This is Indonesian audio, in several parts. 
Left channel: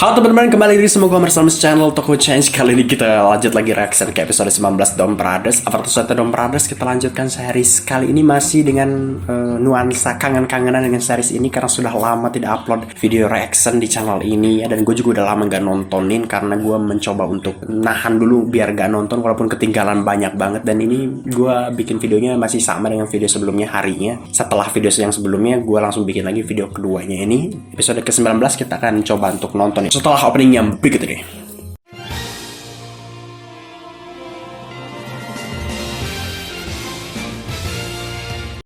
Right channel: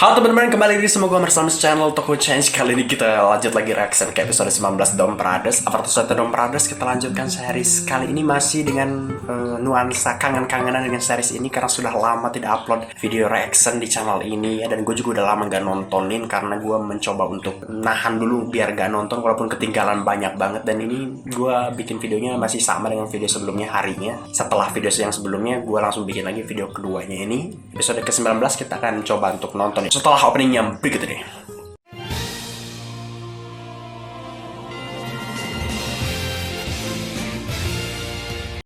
Halo teman-teman, kembali lagi sama gue bersama channel Toko Change. Kali ini kita lanjut lagi reaction ke episode 19 Dom Brothers. Avatar Dom Brothers, kita lanjutkan series. Kali ini masih dengan nuansa kangen-kangenan dengan series ini, karena sudah lama tidak upload video reaction di channel ini ya. Dan gue juga udah lama gak nontonin, karena gue mencoba untuk nahan dulu biar gak nonton walaupun ketinggalan banyak banget. Dan ini gue bikin videonya masih sama dengan video sebelumnya harinya. Setelah video yang sebelumnya, gue langsung bikin lagi video keduanya ini. Episode ke-19 kita akan coba untuk nonton setelah opening yang berikut ini.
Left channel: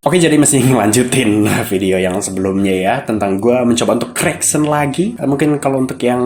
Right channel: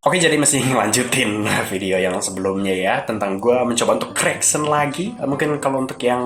Oke, jadi masih lanjutin video yang sebelumnya ya, tentang gue mencoba untuk reaction lagi. Mungkin kalau untuk yang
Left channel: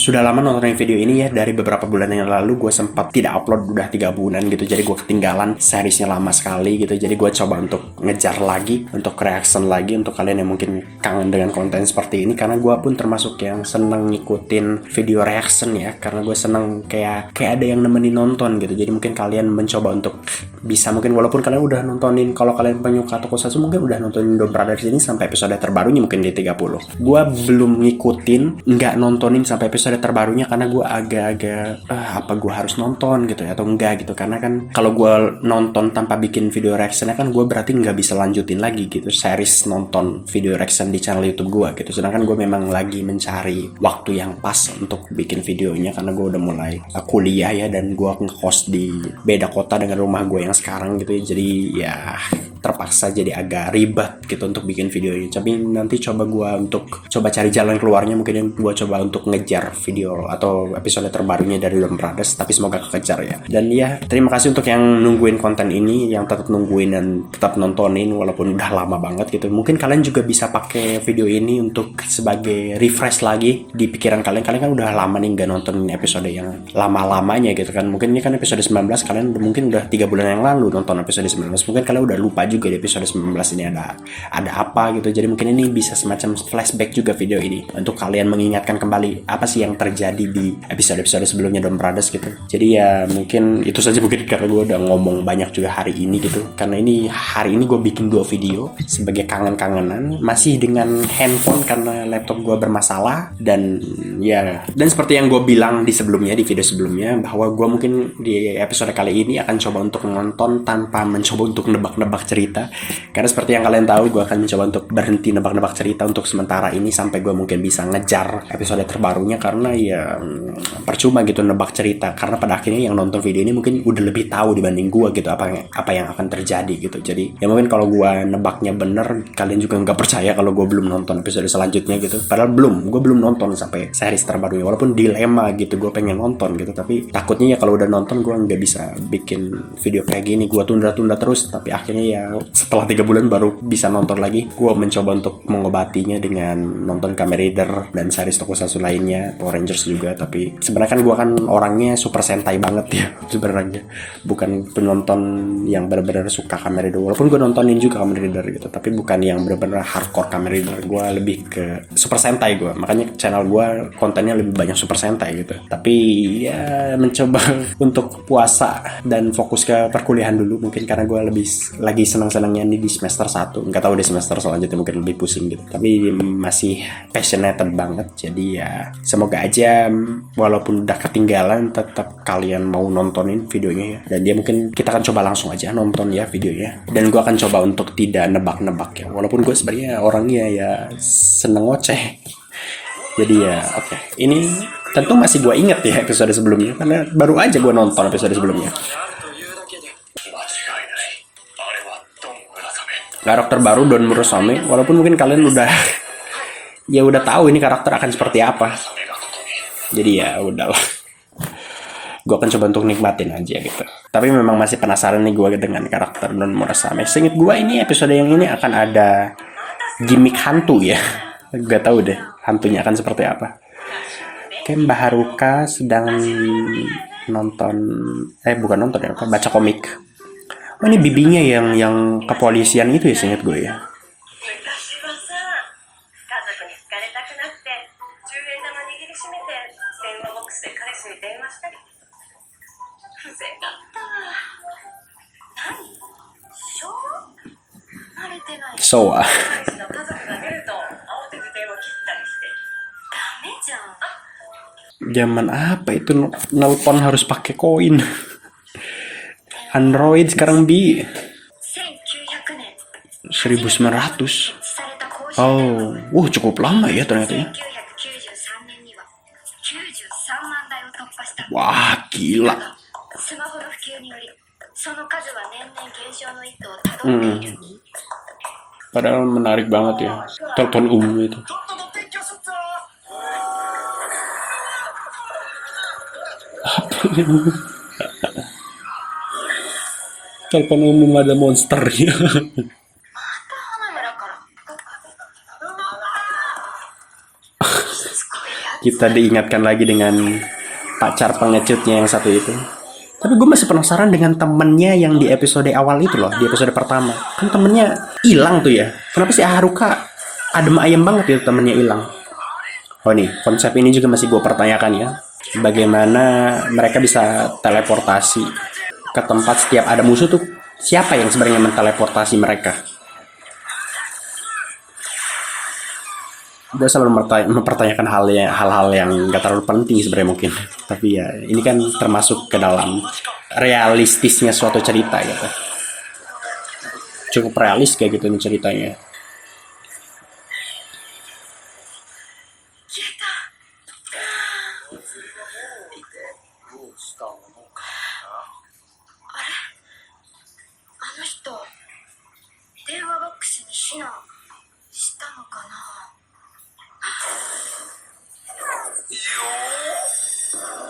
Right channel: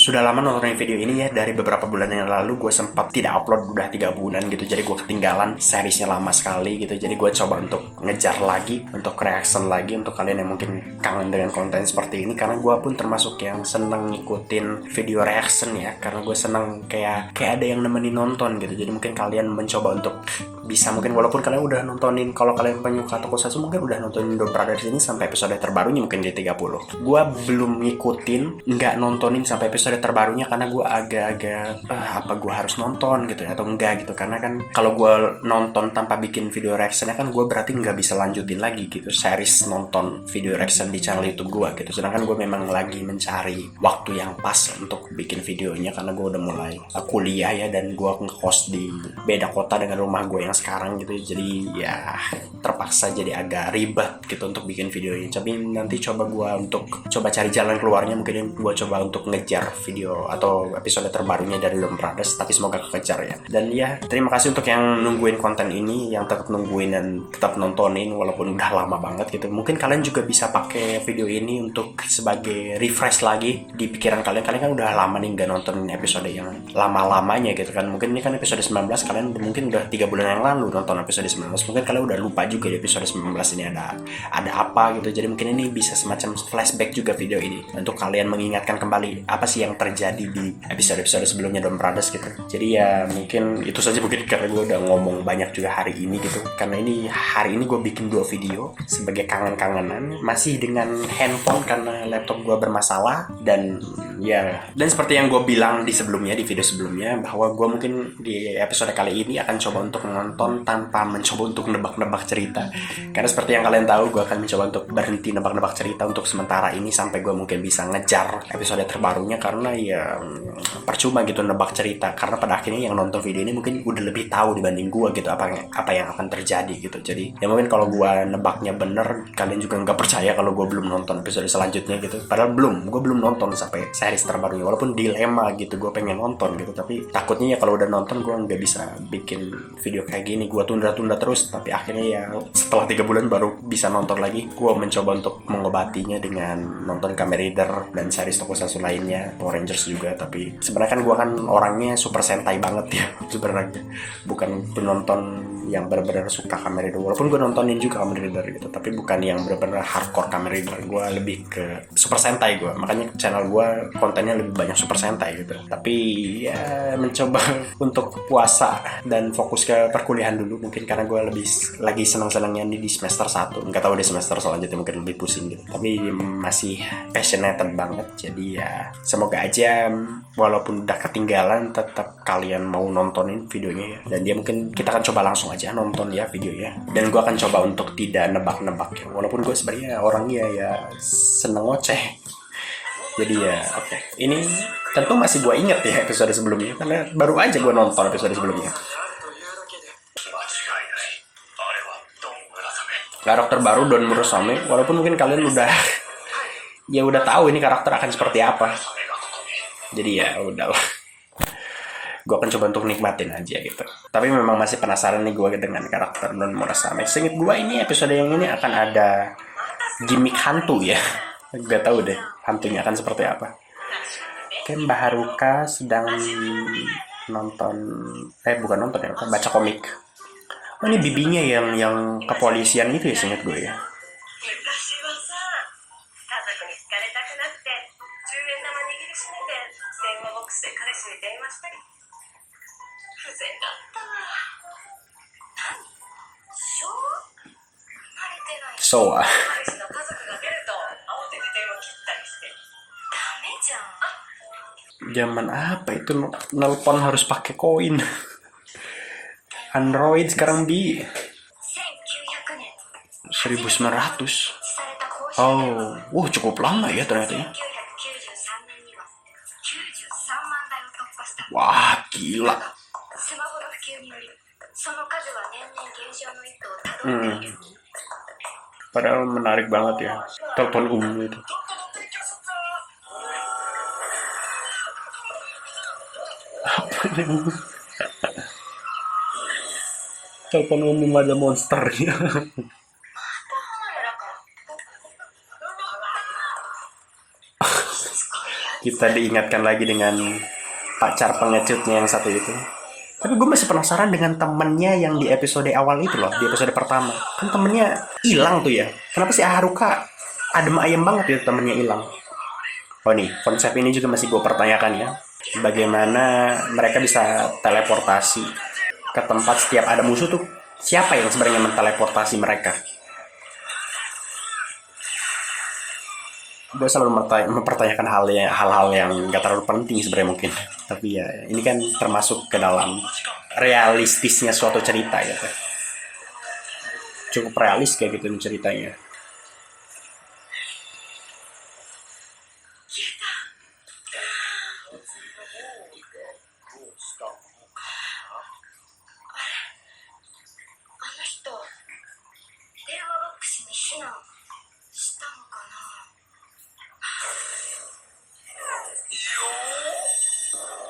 sudah lama nonton video ini ya, dari beberapa bulan yang lalu gue sempat tidak upload udah 3 bulan gitu. Jadi gue ketinggalan seriesnya lama sekali gitu. Jadi gue coba untuk ngejar lagi, untuk reaction lagi untuk kalian yang mungkin kangen dengan konten seperti ini. Karena gue pun termasuk yang seneng ngikutin video reaction ya, karena gue seneng kayak ada yang nemenin nonton gitu. Jadi mungkin kalian mencoba untuk bisa, mungkin walaupun kalian udah nontonin, kalau kalian penyuka Tokusatsu mungkin udah nontonin Dom Brothers ini sampai episode terbarunya mungkin di 30. Gue belum ngikutin, nggak nontonin sampai episode terbarunya karena gue agak-agak apa gue harus nonton gitu ya, atau enggak gitu. Karena kan kalau gue nonton tanpa bikin video reactionnya kan gue berarti nggak bisa lanjutin lagi gitu series nonton video reaction di channel YouTube gue gitu. Sedangkan gue memang lagi mencari waktu yang pas untuk bikin videonya, karena gue udah mulai kuliah ya, dan gue ngekos di beda kota dengan rumah gue yang sekarang gitu. Jadi ya terpaksa jadi agak ribet gitu untuk bikin video ini. Tapi nanti coba gue untuk coba cari jalan keluarnya. Mungkin gue coba untuk ngejar video atau episode terbarunya dari Dom Brothers, tapi semoga kekejar ya. Dan ya, terima kasih untuk yang nungguin konten ini, yang tetap nungguin dan tetap nontonin walaupun udah lama banget gitu. Mungkin kalian juga bisa pakai video ini untuk sebagai refresh lagi di pikiran kalian. Kalian kan udah lama nih gak nonton episode yang lama-lamanya gitu kan. Mungkin ini kan episode 19, kalian mungkin udah 3 bulan yang lalu nonton episode 19. Mungkin kalian udah lupa juga di episode 19 ini ada apa gitu. Jadi mungkin ini bisa semacam flashback juga video ini untuk kalian mengingatkan kembali apa sih yang terjadi di episode-episode sebelumnya Dom Brothers gitu. Jadi ya mungkin itu saja, mungkin karena gue udah ngomong banyak juga hari ini gitu. Karena ini hari ini gue bikin 2 video sebagai kangen-kangenan, masih dengan handphone karena laptop gue bermasalah. Dan ya, dan seperti yang gue bilang di sebelumnya, di video sebelumnya, bahwa gue mungkin di episode kali ini akan coba untuk menonton tanpa mencoba untuk nebak-nebak cerita. Karena seperti yang kalian tahu, gue akan mencoba untuk berhenti nebak-nebak cerita untuk sementara ini sampai gue mungkin bisa ngejar episode terbarunya. Karena ya percuma gitu nebak cerita, karena pada akhirnya yang nonton video ini mungkin udah lebih tahu dibanding gue gitu apa yang akan terjadi gitu. Jadi ya mungkin kalau gue nebaknya bener, kalian juga nggak percaya kalau gue belum nonton episode selanjutnya gitu. Padahal gue belum nonton sampai series terbarunya, walaupun dilema gitu, gue pengen nonton gitu. Tapi takutnya ya kalau udah nonton gue nggak bisa bikin video kayak gini, gue tunda-tunda terus. Tapi akhirnya ya setelah 3 bulan baru bisa nonton lagi. Gue mencoba untuk mengobatinya dengan nonton Kamen Rider dan series Tokusatsu lainnya, Power Rangers juga. Tapi sebenarnya kan gue kan orangnya super sentai banget ya sebenarnya, bukan penonton yang benar-benar suka Kamen Rider. Walaupun gue nontonin juga Kamen Rider gitu, tapi bukan yang benar-benar hardcore Kamen Rider. Gue lebih ke super sentai gue, makanya channel gue kontennya lebih banyak super sentai gitu. Tapi ya mencoba untuk puasa dan fokus ke perkuliahan dulu mungkin, karena gue lebih lagi senang-senangnya ini di semester 1. Nggak tahu di semester selanjutnya mungkin lebih pusing gitu, tapi masih passionate banget. Jadi ya semoga aja walaupun udah ketinggalan, tetap kalian mau nontonin videonya ya. Dan dia mungkin kita akan coba langsung aja nonton ya videonya. Dan gue akan coba untuk tidak nebak-nebak ya, walaupun gue sebenarnya orangnya ya seneng ngoceh. Jadi ya oke. Ini tentu masih gue inget ya episode sebelumnya, karena baru aja gue nonton episode sebelumnya. Karakter baru Don Murasame, walaupun mungkin kalian udah ya udah tahu ini karakter akan seperti apa. Jadi ya udahlah, gue akan coba untuk nikmatin aja gitu. Tapi memang masih penasaran nih gue dengan karakter Don Murasame. Seinget gue ini episode yang ini akan ada gimmick hantu ya. Gak tahu deh hantunya akan seperti apa. Kan Mbak Haruka sedang nonton, bukan nonton ya, baca komik. Oh, ini bibinya yang kepolisian itu ya, seinget gue ya. Soa. Zaman apa itu nelpon harus pakai koin. Android sekarang di 1900. Oh, cukup lama ya ternyata ya. Wah, gila. Padahal menarik banget ya. Telepon umum itu. Telepon umum ada monsternya. Kita diingatkan lagi dengan pacar pengecutnya yang satu itu. Tapi gue masih penasaran dengan temennya yang di episode awal itu loh, di episode pertama. Kan temennya hilang tuh ya. Kenapa sih Haruka adem ayem banget ya temennya hilang? Oh nih, konsep ini juga masih gue pertanyakan ya. Bagaimana mereka bisa teleportasi ke tempat setiap ada musuh tuh? Siapa yang sebenarnya menteleportasi mereka? Gue selalu mempertanyakan hal-hal yang gak terlalu penting sebenarnya mungkin, tapi ya ini kan termasuk ke dalam realistisnya suatu cerita gitu, cukup realis kayak gitu nih ceritanya.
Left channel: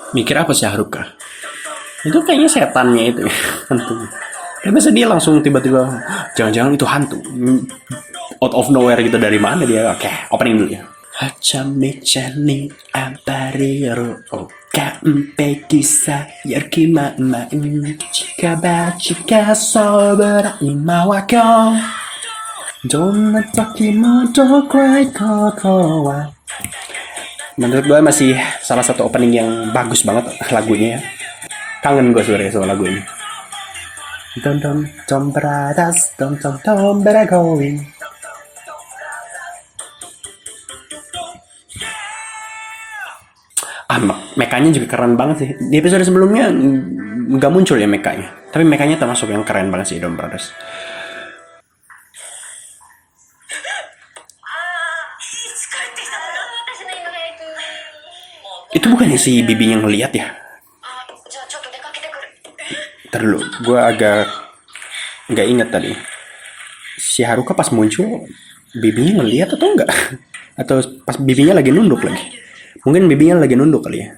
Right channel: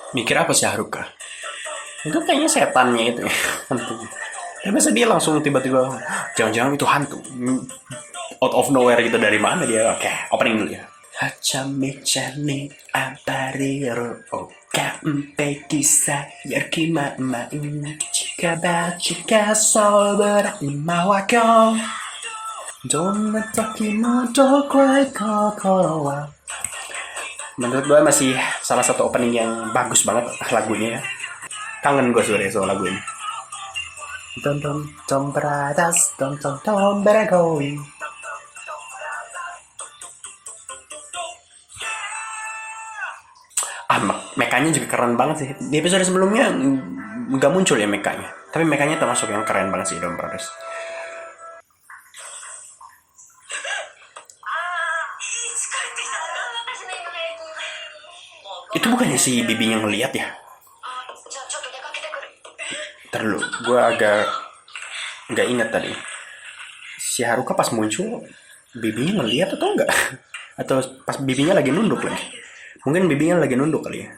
Mikir apa sih Haruka? Itu kayaknya setannya itu ya, hantu. Ya masa dia langsung tiba-tiba, jangan-jangan itu hantu. Out of nowhere gitu, dari mana dia? Oke, opening dulu ya. Hachame chani apariro oka mpe kisa yarki ma chika ba chika sobera ima wa kyo donna toki mo dokuai kokoro wa. Menurut gue masih salah satu opening yang bagus banget lagunya. Kangen gue sebenarnya sama lagu ini. Don don don bradas don don don going. Mekanya juga keren banget sih. Di episode sebelumnya nggak muncul ya mekanya. Tapi mekanya termasuk yang keren banget sih Don Brothers. Itu bukannya si bibinya ngeliat ya? Terlalu, gue agak nggak inget tadi. Si Haruka pas muncul, bibinya ngeliat atau enggak? Atau pas bibinya lagi nunduk lagi? Mungkin bibinya lagi nunduk kali ya.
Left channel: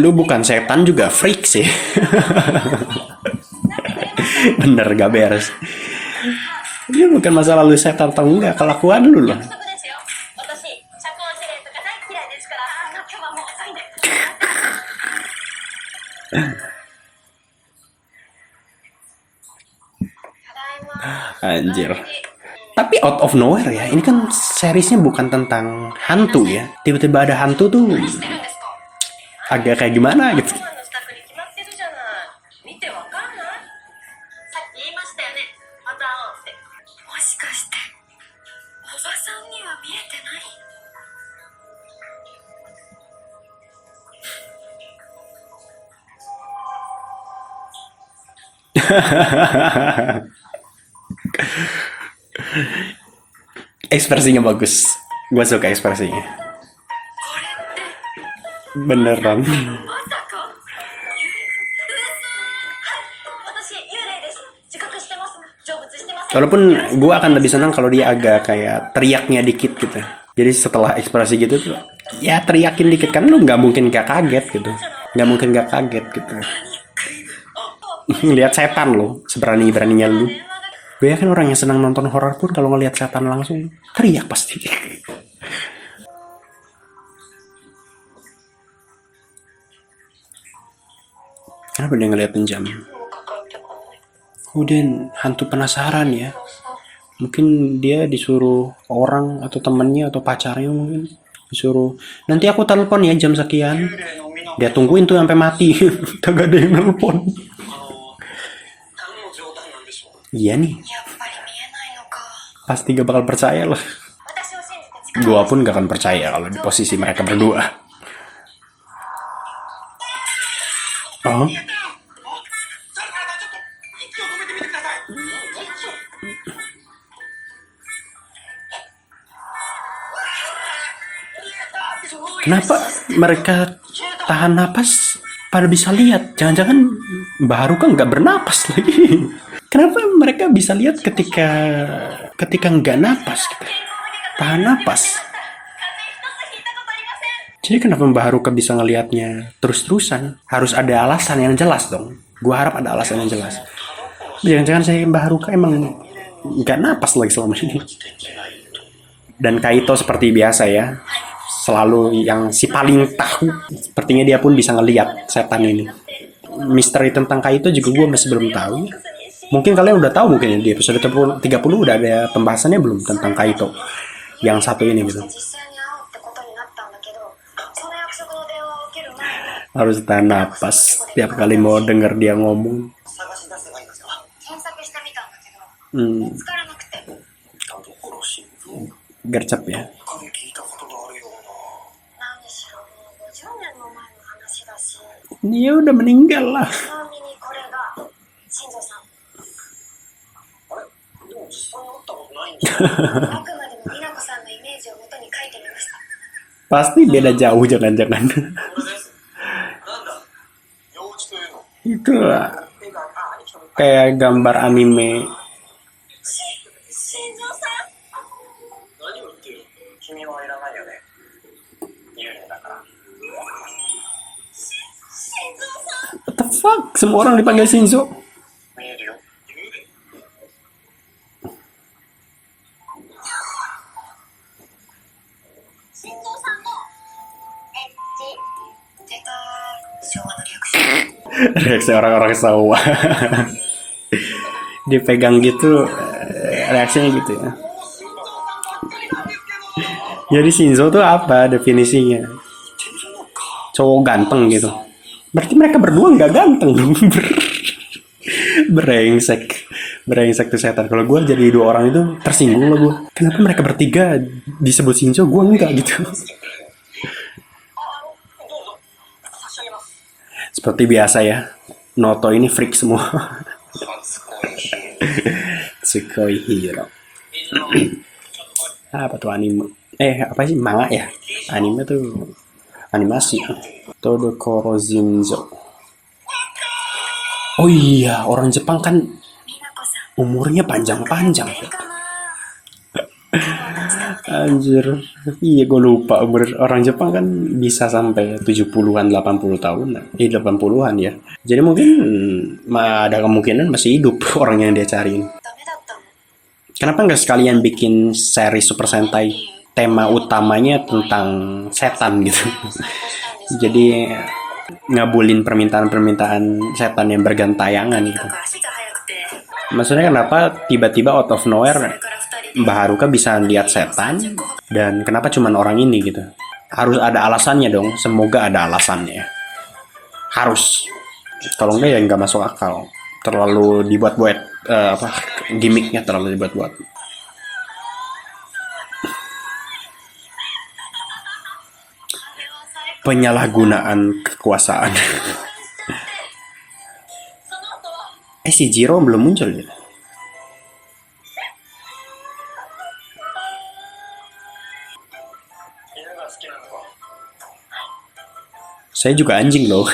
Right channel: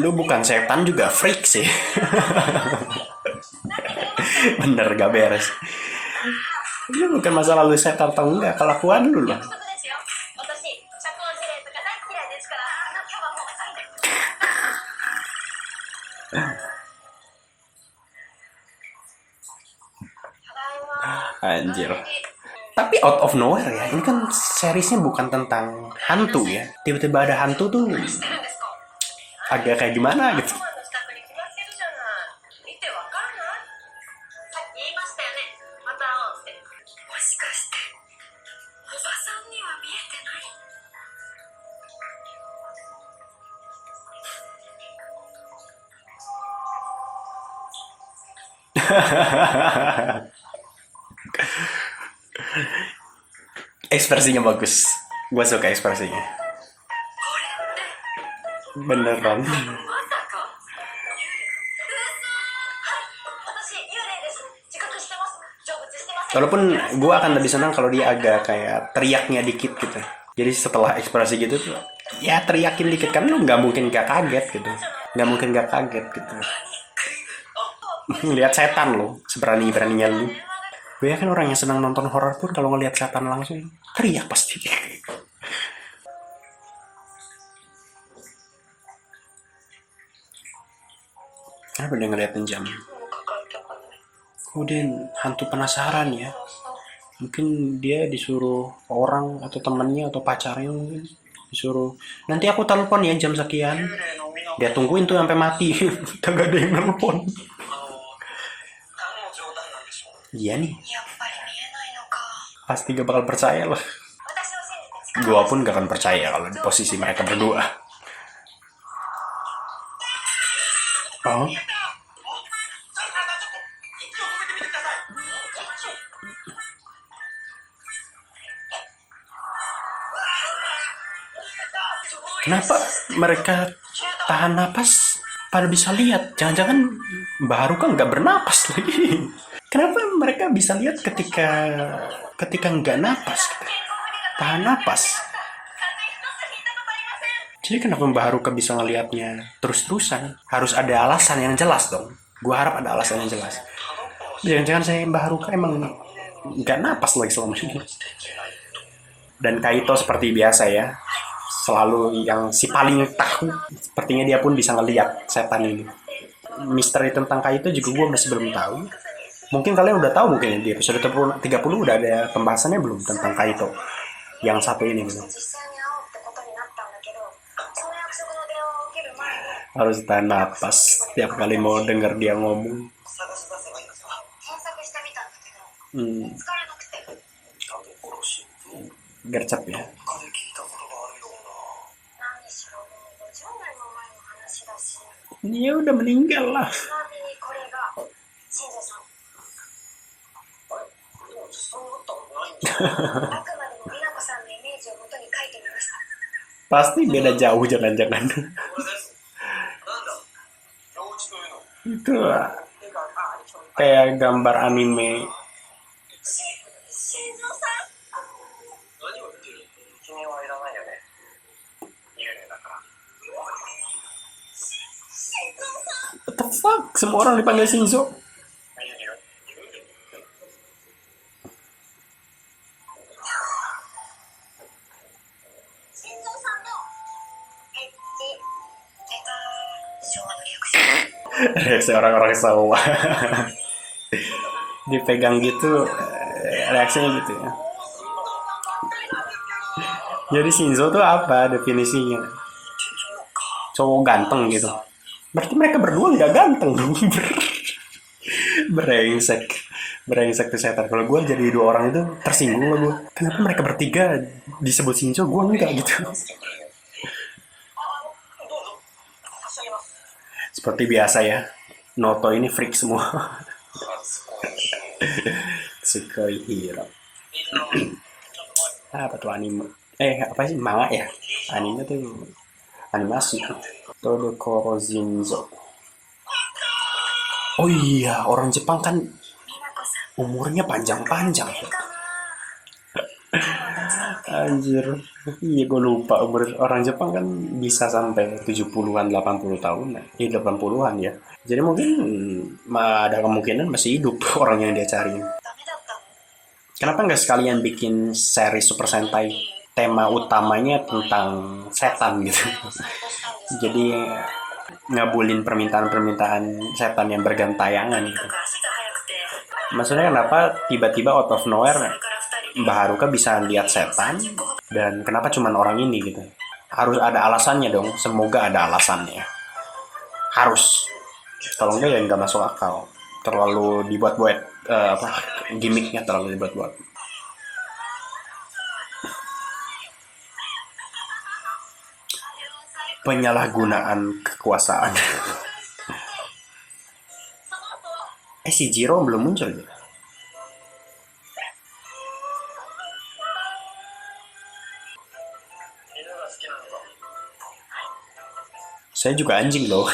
Lu bukan setan juga freak sih. Bener gak beres. Ini bukan masalah lu setan atau enggak, kelakuan lu loh. Anjir. Tapi out of nowhere ya, ini kan seriesnya bukan tentang hantu ya. Tiba-tiba ada hantu tuh agak kayak gimana gitu. Ekspresinya bagus. Gue suka ekspresinya. Beneran. Walaupun gue akan lebih senang kalau dia agak kayak teriaknya dikit gitu. Jadi setelah ekspresi gitu tuh, ya teriakin dikit, kan lu nggak mungkin gak kaget gitu. Nggak mungkin gak kaget gitu. Lihat setan lo, seberani-beraninya lu. Gue kan orang yang senang nonton horor pun kalau ngelihat setan langsung teriak pasti. Kenapa dia ngeliatin jam? Kemudian hantu penasaran ya. Mungkin dia disuruh orang atau temannya atau pacarnya mungkin disuruh nanti aku telepon ya jam sekian. Dia tungguin tuh sampai mati. Kagak ada yang nelpon. Iya nih. Pasti gak bakal percaya loh. Gua pun gak akan percaya kalau di posisi mereka berdua. Oh, kenapa mereka tahan napas pada bisa lihat? Jangan-jangan Mbak Haruka nggak bernapas lagi. Kenapa mereka bisa lihat ketika nggak napas, gitu? Tahan napas. Jadi kenapa Mbak Haruka bisa ngelihatnya terus-terusan? Harus ada alasan yang jelas dong. Gua harap ada alasan yang jelas. Jangan-jangan saya Mbak Haruka emang nggak napas lagi selama ini. Dan Kaito seperti biasa ya, selalu yang si paling tahu. Sepertinya dia pun bisa ngelihat setan ini. Misteri tentang Kaito juga gue masih belum tahu. Mungkin kalian udah tahu mungkin di episode 30 udah ada pembahasannya belum tentang Kaito yang satu ini gitu. Harus tahan napas tiap kali mau denger dia ngomong. Gercep ya. Dia udah meninggal lah. Pasti beda jauh jangan-jangan. Itu kayak gambar anime. What the fuck? Semua orang dipanggil Shinzo. Reaksi orang-orang Sawa. Dipegang gitu, reaksinya gitu ya. Jadi Shinzo tuh apa definisinya? Cowok ganteng gitu. Berarti mereka berdua nggak ganteng dong. Brengsek tuh setan. Kalau gue jadi dua orang itu tersinggung lah gue. Kenapa mereka bertiga disebut Shinzo, gue enggak gitu. Seperti biasa ya, Noto ini freak semua. Tsukoi Hiro. Apa tuh anime? Apa sih manga ya? Anime tuh animasi. Todokoro Zinzo. Oh iya, orang Jepang kan umurnya panjang-panjang. Anjir. Iya, gue lupa umur orang Jepang kan bisa sampai 70-an, 80 tahun. 80-an ya. Jadi mungkin ada kemungkinan masih hidup orang yang dia cariin. Kenapa nggak sekalian bikin seri Super Sentai tema utamanya tentang setan gitu. Jadi ngabulin permintaan-permintaan setan yang bergantayangan gitu. Maksudnya kenapa tiba-tiba out of nowhere Mbak Haruka bisa lihat setan dan kenapa cuman orang ini gitu. Harus ada alasannya dong, semoga ada alasannya. Harus. Kalau enggak ya nggak masuk akal. Terlalu dibuat-buat gimmicknya terlalu dibuat-buat. Penyalahgunaan kekuasaan. Si Jiro belum muncul gitu. Saya juga anjing loh.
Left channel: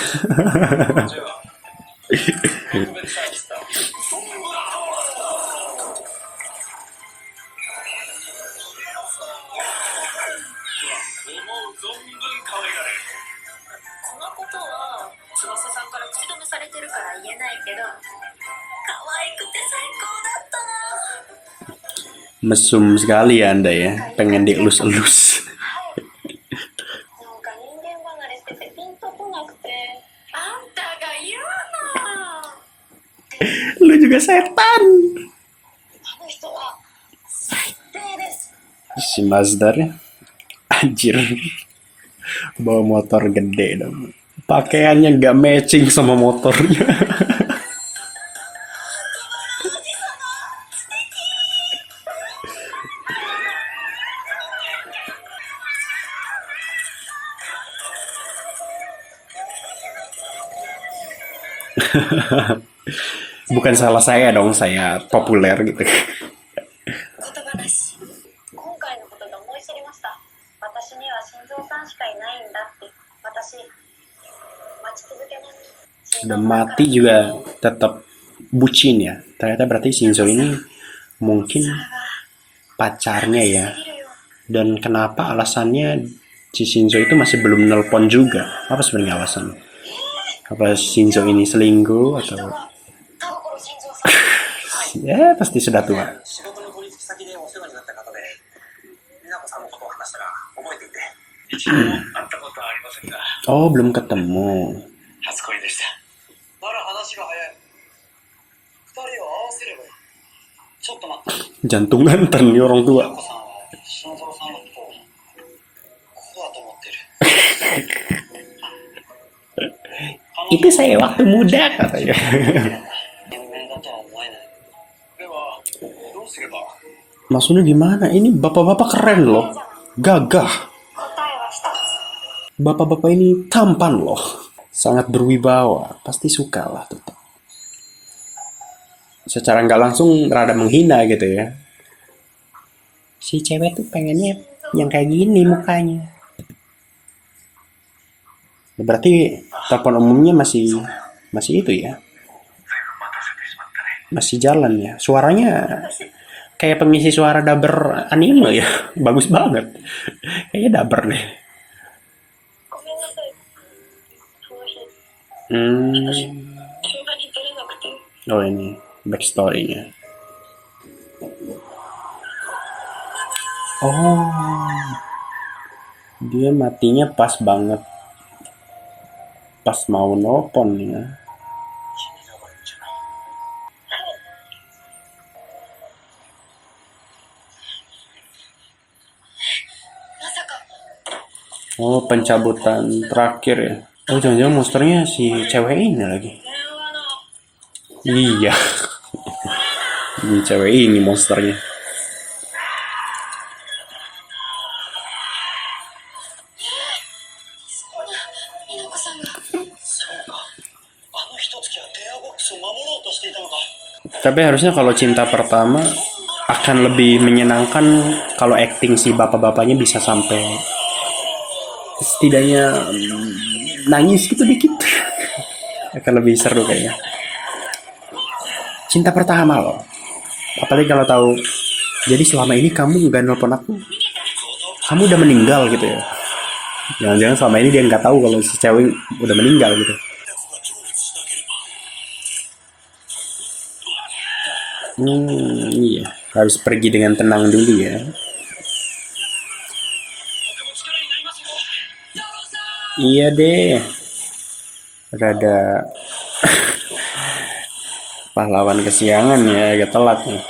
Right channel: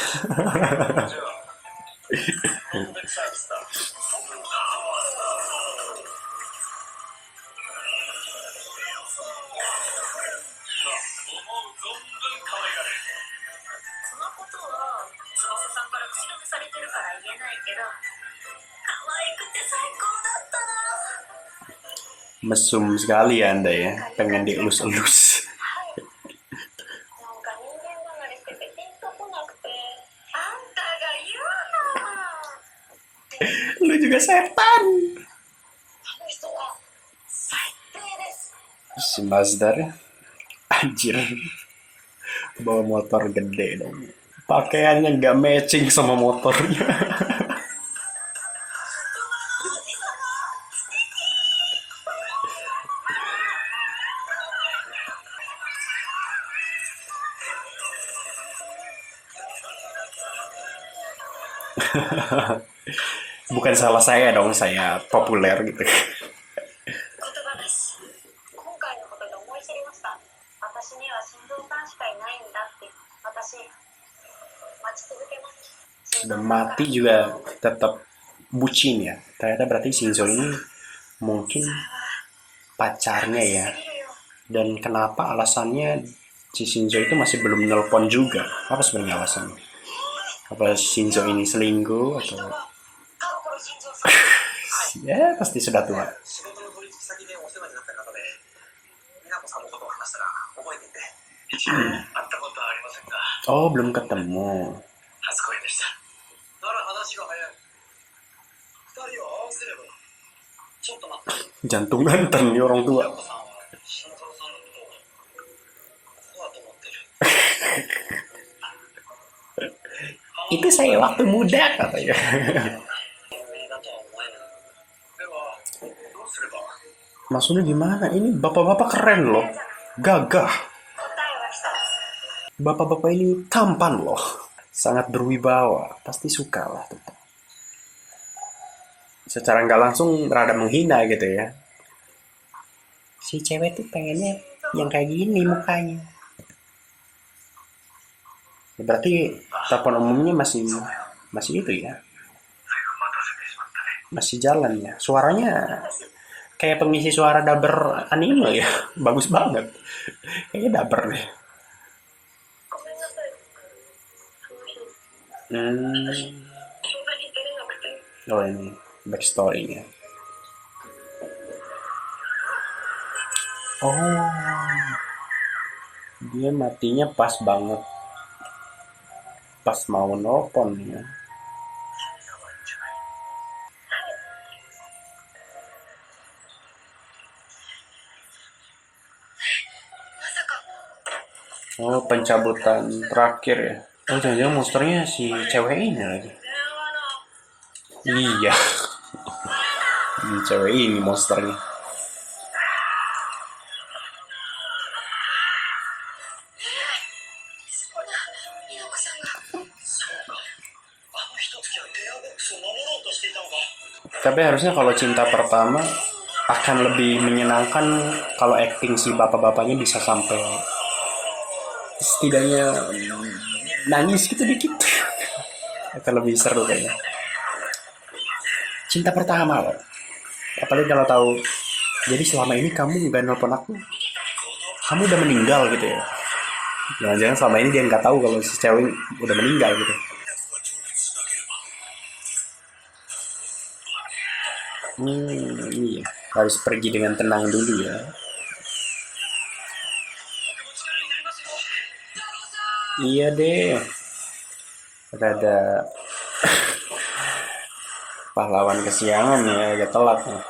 Mesum sekali ya Anda ya, pengen dielus-elus. Lu juga setan. Si Mazdar ya. Anjir, bawa motor gede dong. Pakaiannya nggak matching sama motornya. Bukan salah saya dong, saya populer gitu. 言葉だし、今回のことで思い知りました。私には心臓さんしかいないんだって。私、待ち続けます。 Udah mati juga tetap bucin ya. Ternyata berarti Shinzo ini mungkin pacarnya ya. Dan kenapa alasannya si Shinzo itu masih belum nelpon juga? Apa sebenarnya alasannya? Apa Shinzo ini selingkuh atau 田所心臓さん。 ya pasti sudah tua. 仕事の取引先でお世話になった方で、美奈子さんのことを話したら覚えていて。一度も会ったことはありませんが、 Oh, belum ketemu. 初恋でした。なら話が早い。二人を合わせればいい。ちょっと待って。 Jantung ngenten nih orang 美 tua. 奈子さんは心臓さんのことをこうだと思ってる。 Itu saya waktu muda katanya. 有名だとは思えない。ではどうすれば。 Maksudnya gimana? Ini bapak-bapak keren loh. Gagah. 答えは一つ。 Bapak-bapak ini tampan loh. Sangat berwibawa. Pasti suka lah tetap. Secara nggak langsung rada menghina gitu ya. Si cewek tuh pengennya yang kayak gini mukanya. Ya, berarti telepon umumnya masih itu ya. Masih jalan ya. Suaranya kayak pengisi suara dubber anime ya. Bagus banget. Kayaknya dubber deh. ごめんなさい。その日、 Hmm. 電話に出れなくて。 Oh ini backstory-nya. Oh. Dia matinya pas banget. Pas mau nelpon ya. まさか。 Oh, pencabutan terakhir ya. Oh, jangan-jangan monsternya si cewek ini lagi. 電話の。 Iya. Ini cewek ini monsternya. そうだ、美奈子さんが。そうか。あの一月は電話ボックスを守ろうとしていたのか。 Tapi harusnya kalau cinta pertama akan lebih menyenangkan kalau acting si bapak-bapaknya bisa sampai setidaknya nangis gitu dikit. Akan lebih seru kayaknya. Cinta pertama loh. Apalagi kalau tahu jadi selama ini kamu juga nelpon aku. Kamu udah meninggal gitu ya. Jangan-jangan selama ini dia nggak tahu kalau si cewek udah meninggal gitu. Iya. Harus pergi dengan tenang dulu ya. Iya deh. Rada pahlawan kesiangan ya, agak telat nih.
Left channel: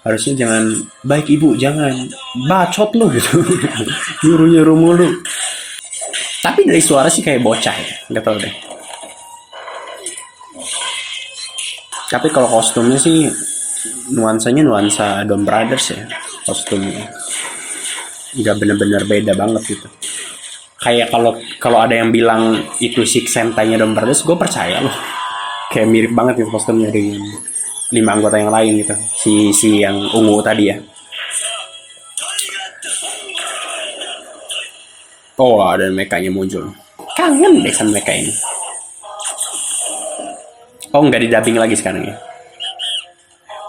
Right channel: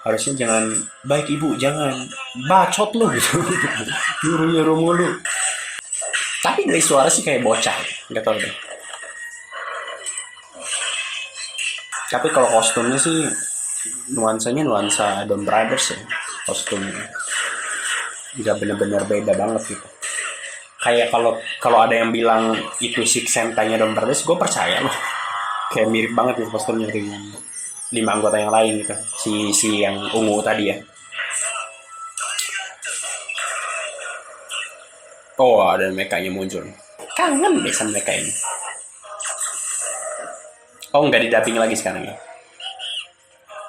Harusnya jangan baik ibu, jangan bacot lu gitu. Nyuruh-nyuruh mulu. Tapi dari suara sih kayak bocah ya, nggak tahu deh. Tapi kalau kostumnya sih nuansanya nuansa Don Brothers ya, kostumnya. Nggak bener-bener beda banget gitu. Kayak kalau ada yang bilang itu Six Sentai-nya Don Brothers, gue percaya loh. Kayak mirip banget gitu kostumnya dengan 5 anggota yang lain gitu. Si yang ungu tadi ya. Oh, ada mekanya muncul. Kangen deh sama meka ini. Oh, nggak di-dubbing lagi sekarang ya.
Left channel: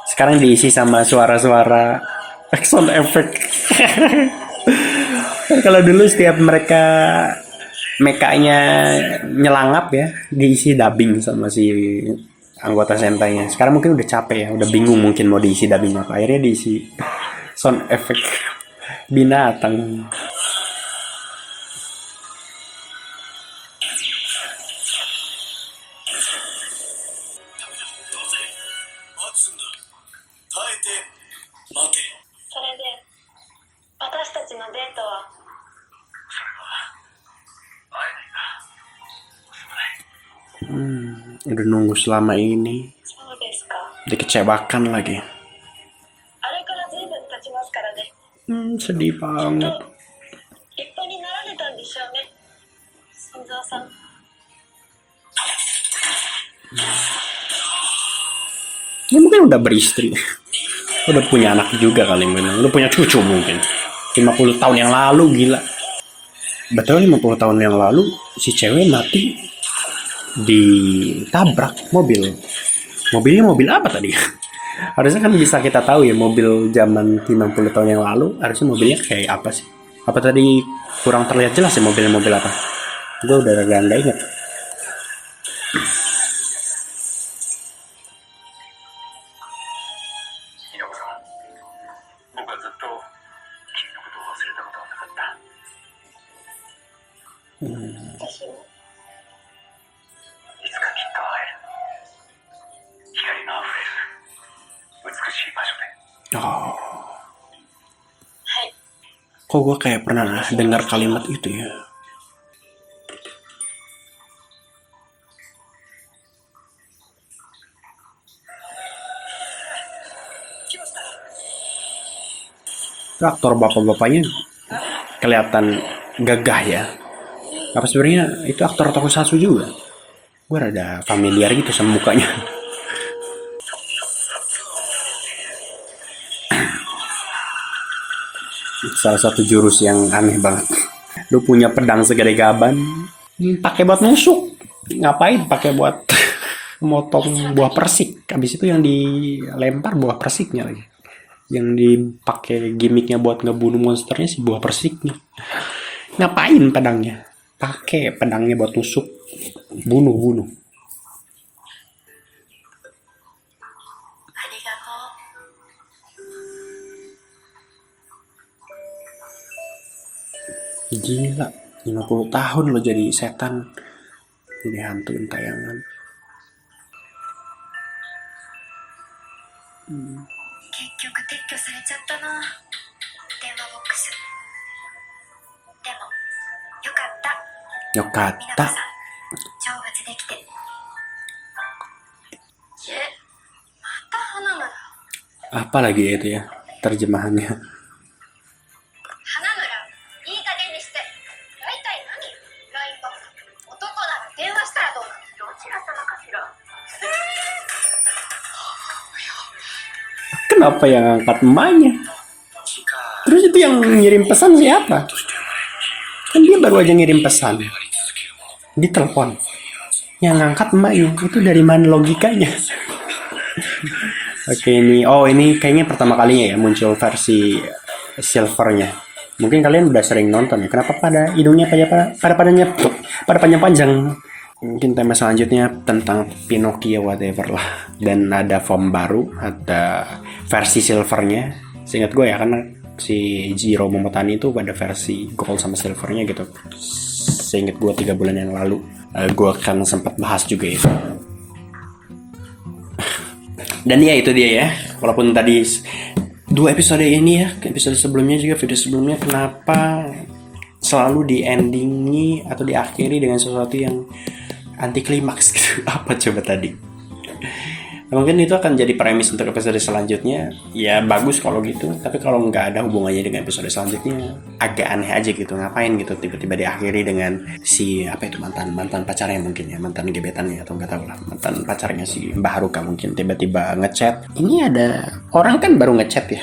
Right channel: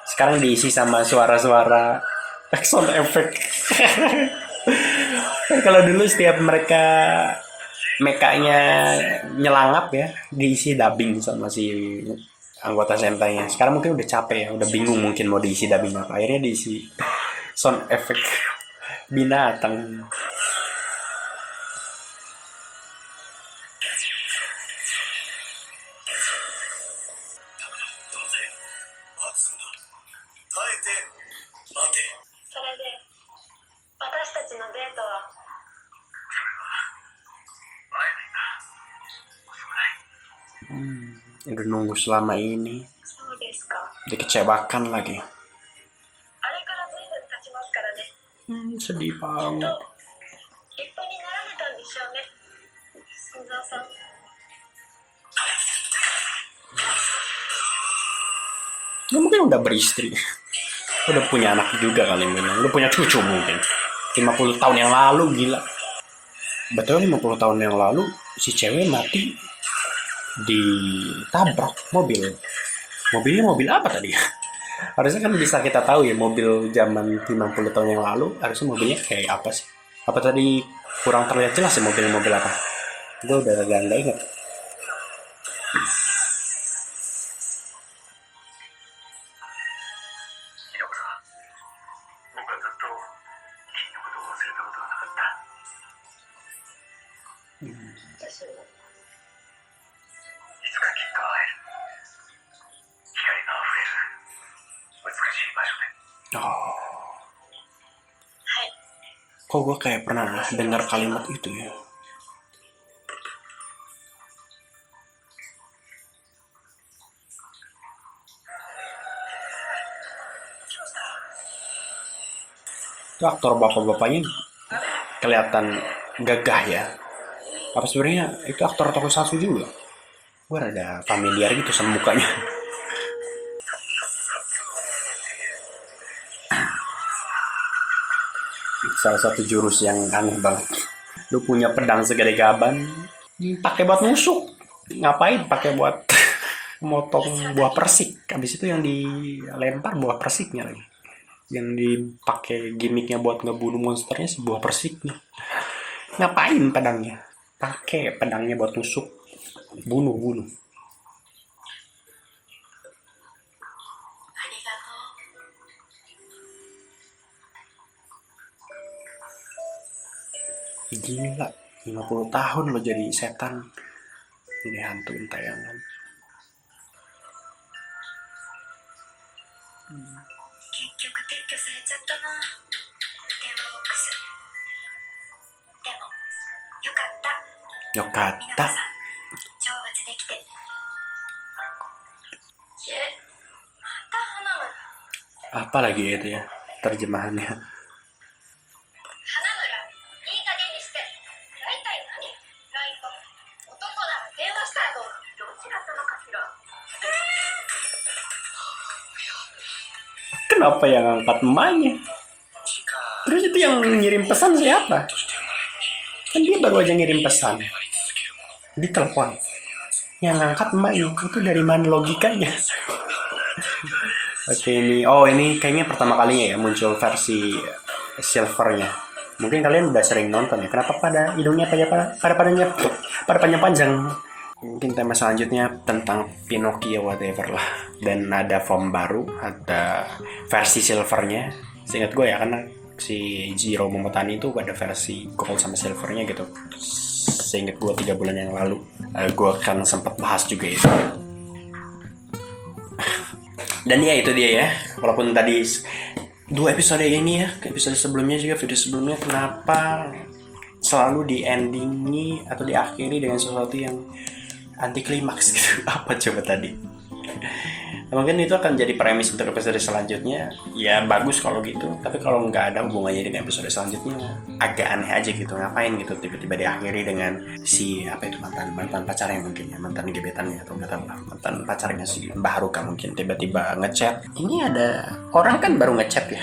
Sekarang diisi sama suara-suara sound effect. Kalau dulu setiap mereka mekanya nyelangap ya, diisi dubbing sama si anggota Sentai-nya. Sekarang mungkin udah capek ya, udah bingung mungkin mau diisi dubbing apa. Akhirnya diisi sound effect binatang. Udah nunggu selama ini, そうですか。 dikecewakan lagi. あれから随分経ちますからね。 Sedih きっと banget. 立派になられたんでしょうね。新蔵さん。 Ya mungkin udah beristri. Udah punya anak juga kali mungkin. Udah punya cucu mungkin. 50 tahun yang lalu, gila. Betul 50 tahun yang lalu si cewek mati ditabrak mobil. Mobilnya mobil apa tadi? Harusnya kan bisa kita tahu ya mobil zaman 50 tahun yang lalu harusnya mobilnya kayak apa sih? Apa tadi kurang terlihat jelas ya mobil apa? Gue udah nggak inget. ひろこさん、僕はずっと君のことを忘れたことはなかった。私も。いつかきっと会える。光のあふれる美しい場所で。 Oh, はい。 kok gue kayak pernah dengar kalimat itu ya? Itu aktor bapak-bapaknya kelihatan gagah ya. Apa sebenarnya itu aktor tokusatsu juga? Gue rada familiar gitu sama mukanya. Salah satu jurus yang aneh banget. Lu punya pedang segede gaban, pakai buat nusuk. Ngapain pakai buat motong buah persik? Habis itu yang dilempar buah persiknya lagi. Yang dipakai gimmicknya buat ngebunuh monsternya si buah persiknya. Ngapain pedangnya? Pakai pedangnya buat tusuk, bunuh. ありがとう。 Gila, 50 tahun lo jadi setan. Jadi hantuin tayangan. 結局撤去されちゃったな。電話ボックス。でも、よかった。 Yokata. みなこさん、成仏できて。また花村。 Apa lagi itu ya terjemahannya? 花村、いい加減にして。大体何 ?LINE が。男なら電話したらどうなの？どちら様かしら。 Kenapa yang angkat emaknya? Terus itu yang ngirim pesan siapa? Kan dia baru aja ngirim pesan di telepon. Yang angkat emaknya itu dari mana logikanya? Oke, ini kayaknya pertama kalinya ya muncul versi silvernya. Mungkin kalian udah sering nonton ya. Kenapa pada hidungnya pada panjang-panjang? Mungkin tema selanjutnya tentang Pinocchio whatever lah. Dan ada form baru, ada versi silvernya. Seingat gue ya, karena si Jiro Momotani itu ada versi gold sama silvernya gitu. Seingat gue 3 bulan yang lalu. Gue kan sempat bahas juga itu. Dan ya itu dia ya. Walaupun tadi 2 episode ini ya, episode sebelumnya juga, video sebelumnya, kenapa selalu di-endingi atau diakhiri dengan sesuatu yang anti klimaks gitu. Apa coba tadi? Nah, mungkin itu akan jadi premis untuk episode selanjutnya. Ya bagus kalau gitu, tapi kalau nggak ada hubungannya dengan episode selanjutnya agak aneh aja gitu. Ngapain gitu tiba-tiba diakhiri dengan si apa itu mantan pacarnya mungkin ya, mantan gebetannya atau nggak tahu lah, mantan pacarnya si Mbak Haruka mungkin tiba-tiba ngechat. Ini ada orang kan baru ngechat ya,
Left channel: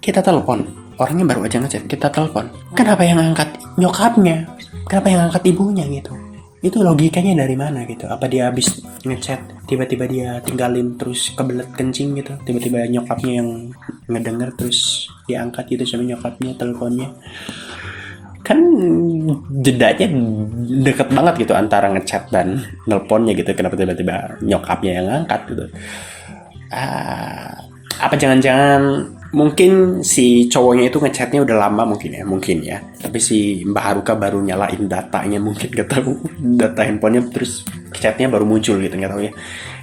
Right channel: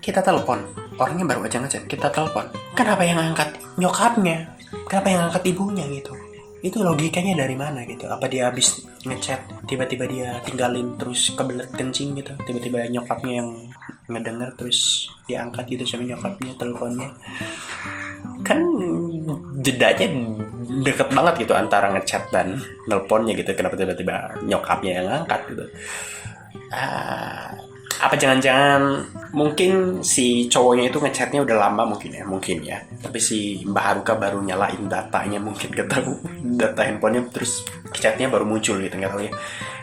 kita telepon. Orangnya baru aja ngechat, kita telepon. Kenapa yang angkat nyokapnya? Kenapa yang angkat ibunya gitu? Itu logikanya dari mana gitu? Apa dia habis ngechat tiba-tiba dia tinggalin terus kebelet kencing gitu? Tiba-tiba nyokapnya yang ngedenger terus diangkat gitu sama nyokapnya teleponnya? Kan jedanya deket banget gitu antara ngechat dan nelponnya gitu. Kenapa tiba-tiba nyokapnya yang ngangkat gitu? Apa jangan-jangan Mungkin si cowoknya itu ngechatnya udah lama mungkin ya. Tapi si Mbak Haruka baru nyalain datanya mungkin, gak tahu, data handphonenya, terus chatnya baru muncul gitu, nggak tahu ya.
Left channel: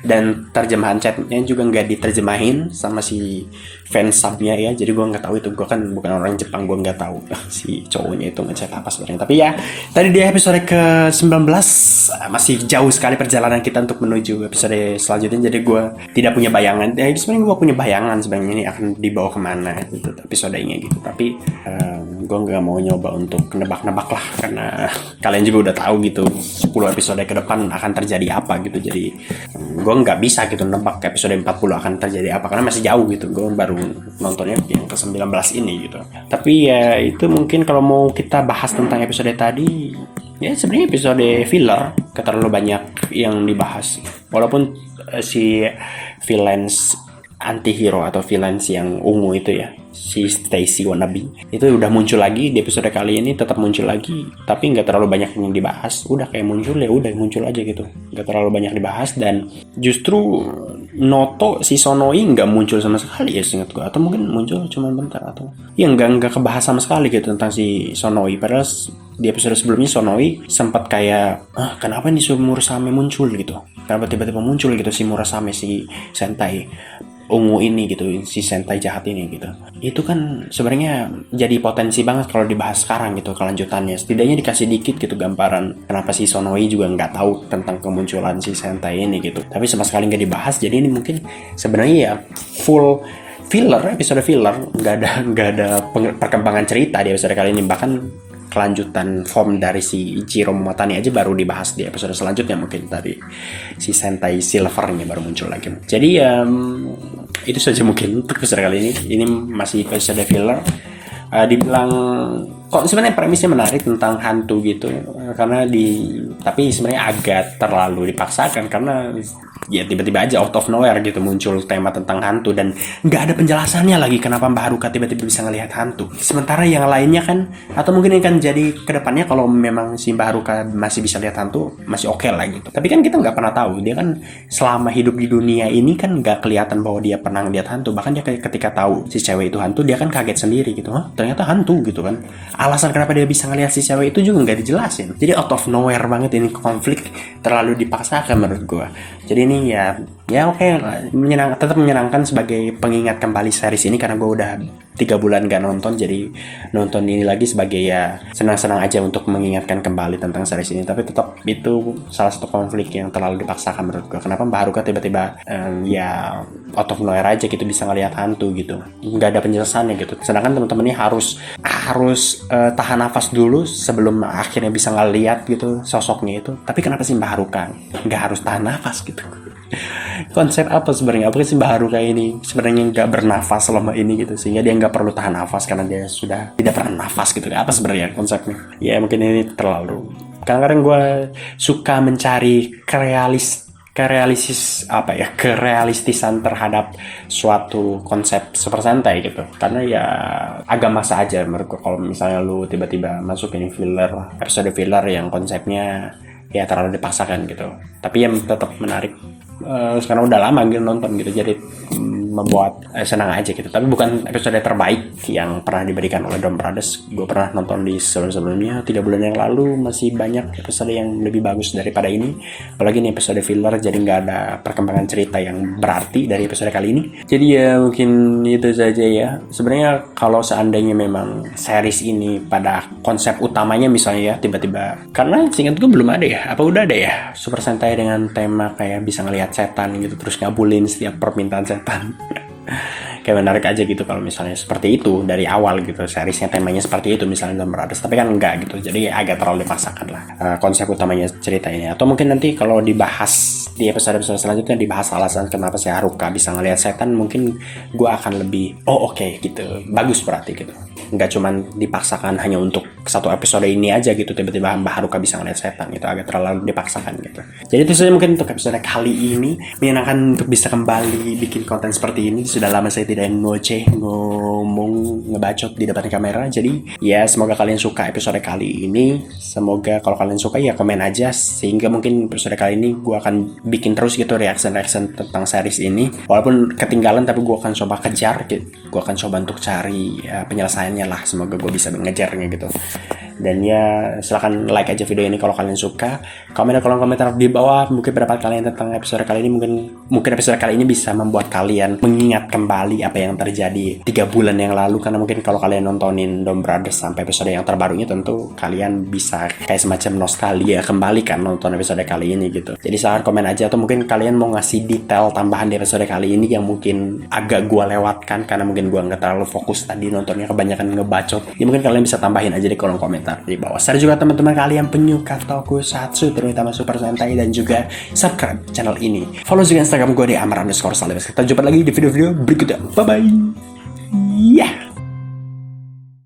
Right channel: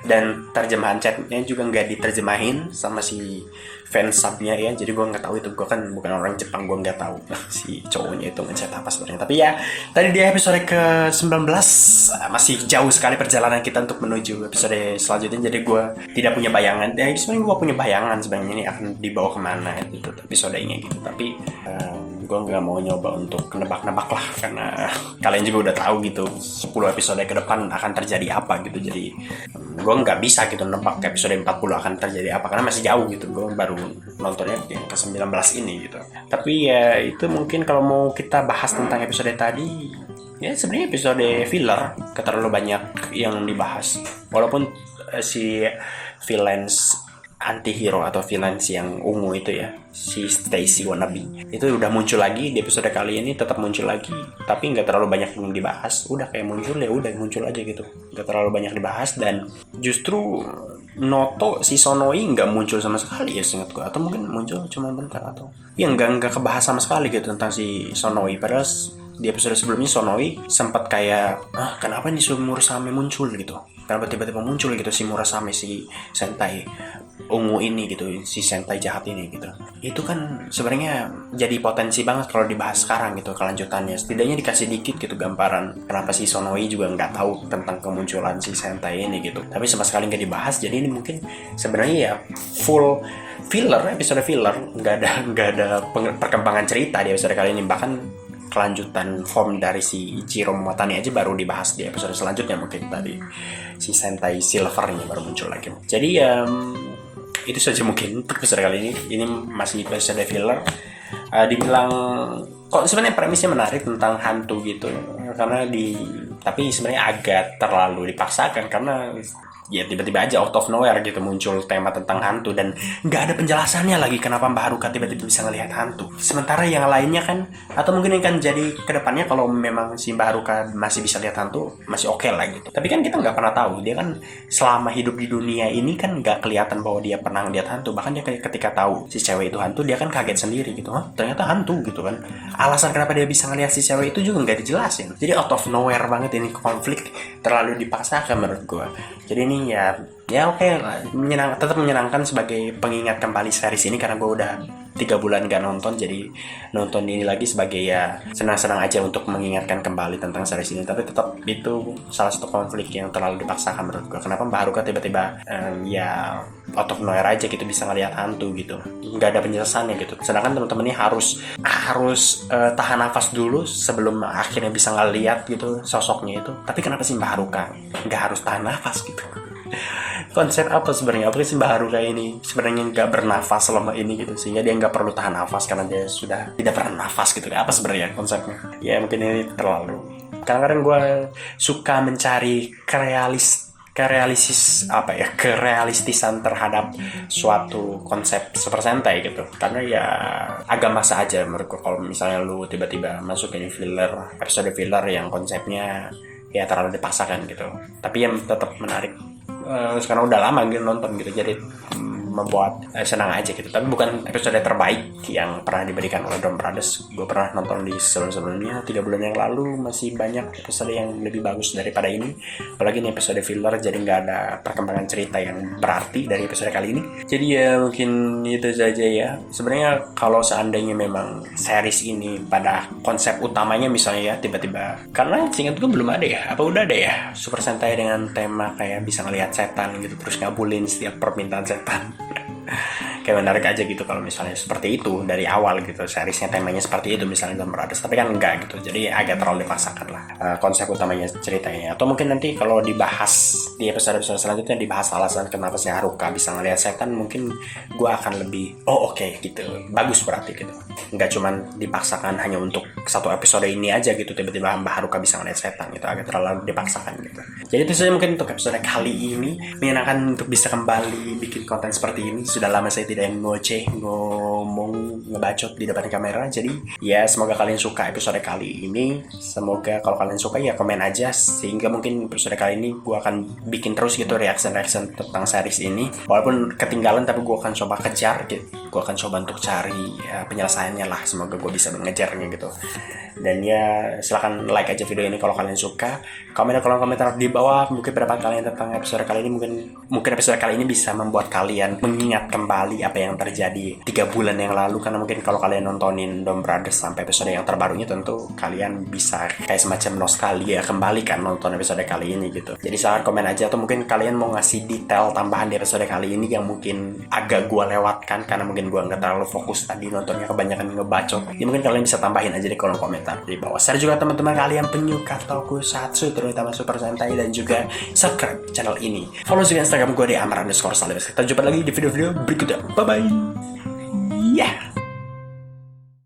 Dan terjemahan chatnya juga nggak diterjemahin sama si fans subnya ya, jadi gue nggak tahu itu, gue kan bukan orang Jepang, gue nggak tahu si cowoknya itu ngechat apa sebenarnya. Tapi ya tadi di episode ke 19 masih jauh sekali perjalanan kita untuk menuju episode selanjutnya, jadi gue tidak punya bayangan. Sebenarnya gue punya bayangan sebenarnya ini akan dibawa kemana itu episodenya gitu, tapi gue nggak mau nyoba untuk nebak-nebak lah, karena kalian juga udah tahu gitu 10 episode ke depan akan terjadi apa gitu. Jadi gue nggak bisa gitu nebak episode 40 akan terjadi apa, karena masih jauh gitu, gue baru nontonnya yang ke 19 ini gitu. Tapi ya itu mungkin kalau mau kita bahas tentang episode tadi, ya sebenarnya episode filler, terlalu banyak yang dibahas. Walaupun si villains anti-hero atau villains yang ungu itu ya, si Stacy Wannabe itu udah muncul lagi di episode kali ini, tetap muncul lagi, tapi nggak terlalu banyak yang dibahas. Udah kayak muncul ya udah muncul aja gitu, nggak terlalu banyak dibahas. Dan justru Noto si Sonoi nggak muncul sama sekali ya seingat gue, atau mungkin muncul cuma bentar, atau ya nggak kebahas sama sekali gitu tentang si Sonoi. Padahal di episode sebelumnya Sonoi sempat kayak kenapa nih si Murasame muncul gitu, kenapa tiba-tiba muncul gitu si Murasame, si Sentai ungu ini gitu, si Sentai jahat ini gitu. Itu kan sebenarnya jadi potensi banget kalau dibahas sekarang gitu kelanjutannya. Setidaknya dikasih dikit gitu gambaran kenapa si Sonoi juga nggak tahu tentang kemunculan si Sentai ini gitu. Tapi sama sekali nggak dibahas. Jadi ini mungkin sebenarnya ya full filler, episode filler, nggak ada perkembangan cerita di episode kali ini. Bahkan kelanjutan form dari si Ichiro Momotani aja baru dibahas di episode selanjutnya, mungkin tadi si Sentai Silvernya baru muncul lagi. Jadi itu saja mungkin untuk episode kali ini. Ini masih episode filler. Dibilang kok sebenarnya premisnya menarik tentang hantu gitu, karena tapi sebenarnya agak terlalu dipaksakan, karena ya tiba-tiba aja out of nowhere gitu muncul tema tentang hantu dan nggak ada penjelasannya lagi kenapa Mbak Haruka tiba-tiba bisa ngelihat hantu. Sementara yang lainnya kan, atau mungkin yang kan jadi kedepannya kalau memang si Mbak Haruka masih bisa lihat hantu masih oke lah gitu. Tapi kan kita nggak pernah tahu, dia kan selama hidup di dunia ini kan nggak kelihatan bahwa dia pernah lihat hantu. Bahkan dia ketika tahu si cewek itu hantu, dia kan kaget sendiri gitu, ternyata hantu gitu kan. Alasan kenapa dia bisa ngelihat si cewek itu juga nggak dijelasin. Jadi out of nowhere banget ini, konflik terlalu dipaksakan menurut gue. Jadi ini ya oke, tetap menyenangkan sebagai pengingat kembali series ini, karena gue udah 3 bulan gak nonton, jadi nonton ini lagi sebagai ya senang-senang aja untuk mengingatkan kembali tentang series ini. Tapi tetap itu salah satu konflik yang terlalu dipaksakan menurut gue. Kenapa Mbak Haruka tiba-tiba ya out of nowhere aja gitu bisa ngelihat hantu gitu, nggak ada penjelasannya gitu. Sedangkan teman-teman ini harus tahan nafas dulu sebelum akhirnya bisa ngelihat gitu sosoknya itu. Tapi kenapa sih Mbak Haruka nggak harus tahan nafas gitu? Konsep apa sebenarnya? Apa sih Mbak Haruka ini sebenarnya nggak bernafas selama ini gitu, sehingga dia nggak perlu tahan nafas karena dia sudah tidak pernah nafas gitu? Apa sebenarnya konsepnya? Ya mungkin ini terlalu. Kadang-kadang gue suka mencari kerealistisan terhadap suatu konsep Super Sentai gitu, karena ya agak masa aja menurut gue kalau misalnya lu tiba-tiba masukin episode filler yang konsepnya ya terlalu dipaksakan gitu. Tapi yang tetap menarik, sekarang udah lama gitu nonton gitu, jadi membuat senang aja gitu. Tapi bukan episode terbaik yang pernah diberikan oleh Dom Brothers. Gue pernah nonton di sebelumnya 3 bulan yang lalu, masih banyak episode yang lebih bagus daripada ini. Apalagi ini episode filler, jadi nggak ada perkembangan cerita yang berarti dari episode kali ini. Jadi ya mungkin itu saja ya. Sebenarnya kalau seandainya memang series ini pada konsep utamanya misalnya ya tiba-tiba, karena seingat gue belum ada ya, apa udah ada ya Super Sentai dengan tema kayak bisa ngelihat setan gitu terus ngabulin setiap permintaan setan. Kayak menarik aja gitu kalau misalnya seperti itu dari awal gitu, seriesnya temanya seperti itu misalnya Dom Brothers. Tapi kan enggak gitu, jadi agak terlalu dipaksakan lah konsep utamanya cerita ini. Atau mungkin nanti kalau dibahas di episode selanjutnya, dibahas alasan kenapa si Haruka bisa ngelihat setan, mungkin gue akan lebih oke gitu, bagus berarti gitu. nggak cuman dipaksakan hanya untuk satu episode ini aja gitu, tiba-tiba Mbak Haruka bisa ngeliat setan gitu, agak terlalu dipaksakan gitu. Jadi itu saja mungkin untuk episode kali ini. Menyenangkan untuk bisa kembali bikin konten seperti ini. Sudah lama saya tidak ngomong ngebacot di depan kamera. Jadi ya semoga kalian suka episode kali ini. Semoga kalau kalian suka ya komen aja, sehingga mungkin episode kali ini gue akan bikin terus gitu reaction tentang series ini. Walaupun ketinggalan tapi gue akan coba kejar gitu. Gue akan coba untuk cari penyelesaiannya lah. Semoga gue bisa mengejarnya gitu. Dan ya silahkan like aja video ini kalau kalian suka. Komen di kolom komentar di bawah mungkin pendapat kalian tentang episode kali ini. Mungkin episode kali ini bisa membuat kalian mengingat kembali apa yang terjadi 3 bulan yang lalu. Karena mungkin kalau kalian nontonin Dom Brothers sampai episode yang terbarunya, tentu kalian bisa kayak semacam nostalgia kembali kan nonton episode kali ini gitu. Jadi silahkan komen aja, atau mungkin kalian mau ngasih detail tambahan di episode kali ini yang mungkin agak gua lewatkan karena mungkin gua nggak terlalu fokus tadi nontonnya, kebanyakan ngebacot. Ya mungkin kalian bisa tambahin aja di kolom komentar di bawah. Saya juga teman-teman kalian penyuka tokusatsu, terutama Super Sentai, dan juga subscribe channel ini. Follow juga Instagram gue di amar_salibas. Kita jumpa lagi di video-video berikutnya. Bye bye.